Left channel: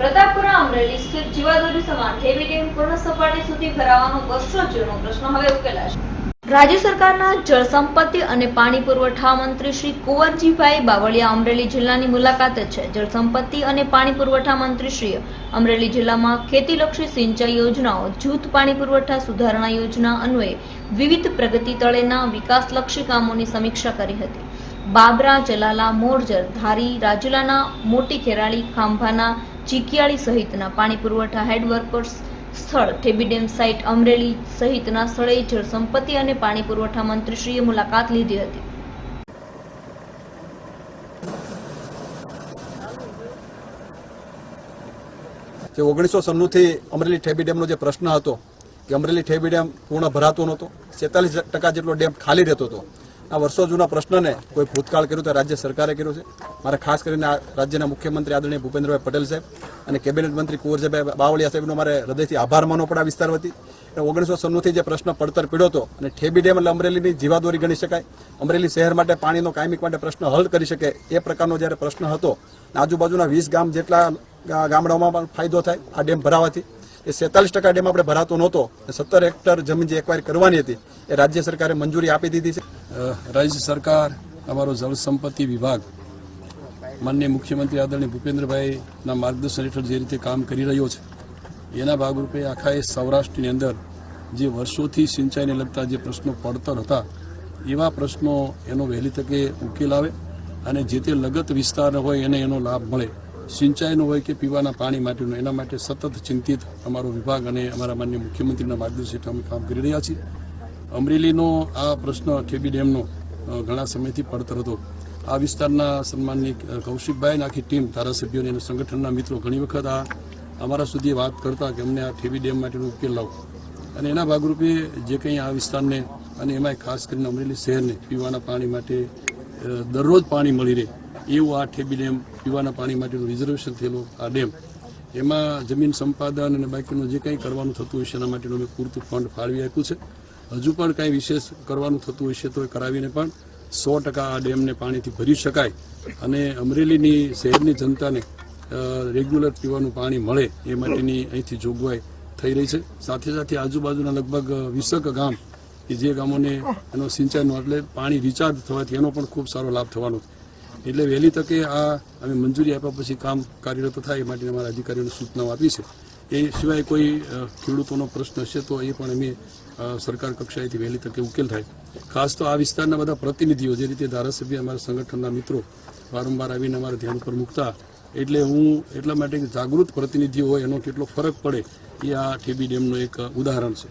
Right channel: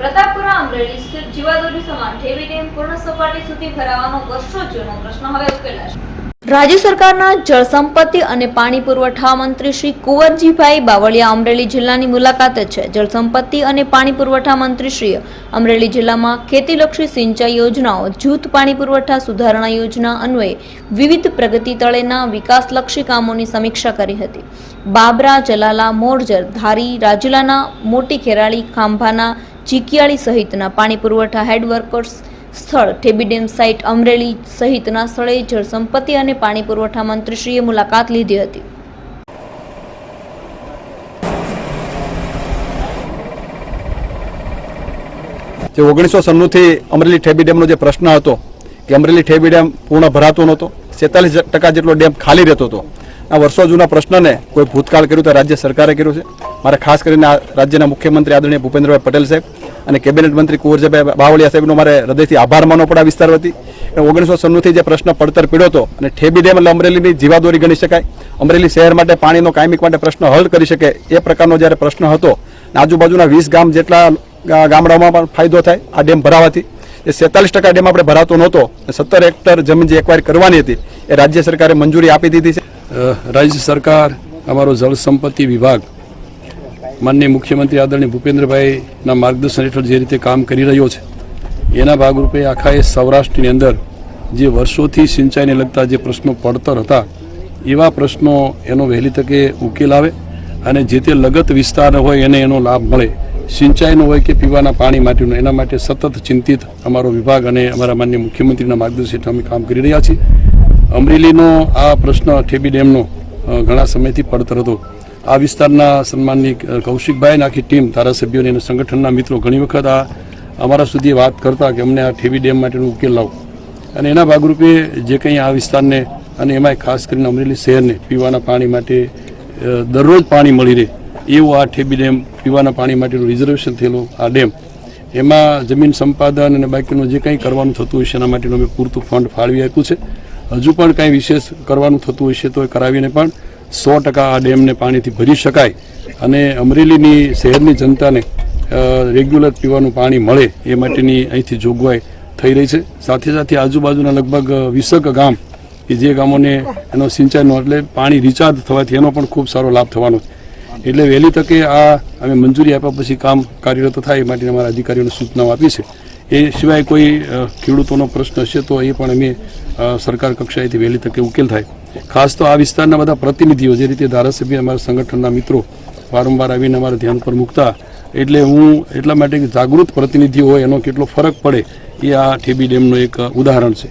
પ્રતાપપુરા અમરેલી સ્થિત જીવાદોરી સમાન ઠેબી ડેમ પૂર્ણ સપાટી સુધી ભરાવાનો વર્ષો જૂનો પ્રશ્ન હવે ઉકેલાશે। રાજ્ય સરકારના જળસંપત્તિ અને પાણી પુરવઠા મંત્રી શ્રી કુંવરજીભાઈ બાવળિયા અમરેલી જિલ્લાની મુલાકાતે છે। જળસંપત્તિ અને પાણી પુરવઠા મંત્રીશ્રીએ અમરેલી જિલ્લામાં ખેતીલક્ષી સિંચાઈ યોજનાઓ, જૂથ પાણી પુરવઠા સુધારણા યોજના અન્વયે વિવિધ પ્રગતિ તળેના વિકાસલક્ષી કામોની સમીક્ષા કરી હતી। બાબરા, જલાલા, મોરજર, ધારી, રાજુલાના મોટી ખેરાળી, ખાંભાના ચીકિયાળી સહિતના પાણી પુરવઠા હેડવર્કર્સ સ્થળ ઠેબી ડેમ સાઇટ અમરેલી સહિતના સ્થળે જળસંપત્તિ અને પાણી પુરવઠા મંત્રીશ્રીએ મુલાકાત લીધી હતી। જે 1996 થી અમરેલી ઠેબી ડેમનો જે પ્રશ્ન હતો કે અમરેલી ઠેબી ડેમ પૂર્ણ ભરાતો નહોતો, 47% જેટલો ડેમ ખાલી રહેતો હતો। આ વર્ષો જૂના પ્રશ્નને કોઈ ભૂતકાળ કર્યું તો રાજ્ય સરકારે કર્યું છે। મારે ખાસ કરીને રાજ્યના મુખ્યમંત્રી આદરણીય ભૂપેન્દ્રભાઈ પટેલ સાહેબ અને કેબિનેટ મંત્રી કુંવરજીભાઈ બાવળિયા સાહેબનો મારે હૃદયથી આભાર માનવો પડે આ વિસ્તાર વતી। 1996 થી જે પ્રશ્ન પડતર પીડ્યો હતો અને ઠેબી ડેમ એટલે અમરેલીની જીવાદોરી ગણી શકાય, અમરેલી શહેર માટે પાણીનો કાયમિક માટે પ્રશ્ન હલ કરી શકે એ પ્રકારનો જ્યારે પ્રશ્ન હતો, આજુબાજુના 20 ગામ જેટલા ગામડાઓમાં પણ ફાયદો થાય આ ડેમ ભરાવાથી। એ 47% ડેમ આપણે ભરાતો નહોતો, 17 હેક્ટર જમીન જે એક્વાયર કરવાની હતી એ રાજ્ય સરકારે મંજૂરી આપી દીધી છે। રાજ્ય સરકાર અમારો જળ સંપત્તિ વિભાગ માનનીય મુખ્યમંત્રી આદરણીય ભૂપેન્દ્રભાઈના માર્ગદર્શન હેઠળ જે રીતે કામ કરી રહ્યો છે એના ભાગરૂપે આખા એ સૌરાષ્ટ્રની અંદર જે વર્ષોથી સિંચાઈને લગતા જે પ્રશ્નો પડતર હતા એવા પ્રશ્નો એનો વહેલી તકે ઉકેલ આવે અને જે તે લગત વિસ્તાર હોય એને એનો લાભ મળે, સિંચાઈનો હોય કે પીવાના પાણી માટેનો, એના માટે સતત ચિંતિત અમારો વિભાગ અને અમારા માનનીય મુખ્યમંત્રીના માર્ગદર્શન હેઠળ અમે કામ કરી રહ્યા છીએ। અમરેલીનો આ પ્રશ્ન ઠેબી ડેમનો ઘણા સમયથી પડતર હતો। આ વિસ્તારના સન્માનની કૌશિકભાઈ આખી ટીમ ધારાસભ્યોની અને સંગઠનના મિત્રો ઘણી વખત આ અમારા સુધી વાત કરતા કે અમને આ ઠેબી ડેમ માટેનો ઉકેલ લાવો, અને એના ભાગરૂપે જે કંઈ આ વિસ્તારને અને એમાં ખાસ કરીને અમરેલી શહેરને પીવાના પાણી માટે દરરોજ પાણી મળી રહે એવું આ ઠેબી ડેમ પીવાના પાણી માટેનું રિઝર્વેશન થયેલું આ ડેમ, એમાં જમીન સંપાદન અને બાકીનું જે કંઈ કરવાનું થતું હશે એના માટેનું અમે પૂરતું ફંડ ફાળવી આપ્યું છે। હજુ પણ કંઈ વિશેષ કરવાનું થતું હશે તો એ કરાવીને પણ 100% આ ડેમને પાણીથી ભરી શકાય અને અમરેલીની શહેરની જનતાને રેગ્યુલર પીવાનું પાણી મળે એ માટેની અહીંથી જોગવાઈ થઈ રહી છે। સાથે સાથે આજુબાજુના લગભગ 20 ગામ કે જે ગામોને એનો સિંચાઈનો એટલે પાણી રિચાર્જ થવાથી એનો પણ ખૂબ સારો લાભ થવાનો છે। એટલે વહેલી તકે આ અમે મંજૂરી આપ્યા પછી કામ કાર્યરત થાય એ માટે અમારા અધિકારીઓને સૂચનાઓ આપી છે। એ સિવાય કોઈ ખેડૂતોનો પ્રશ્ન હશે તો એ પણ અમે સરકાર કક્ષાએથી વહેલી તકે ઉકેલ થાય। ખાસ તો આ વિસ્તારના બધા પ્રતિનિધિઓ જે રીતે ધારાસભ્ય અમારા સંગઠનના મિત્રો વારંવાર આવીને અમારા ધ્યાન પર મૂકતા, એટલે હું એટલા માટે જાગૃત પ્રતિનિધિઓ હોય એનો કેટલો ફરક પડે એ આ ઠેબી ડેમનું એક ઉદાહરણ છે।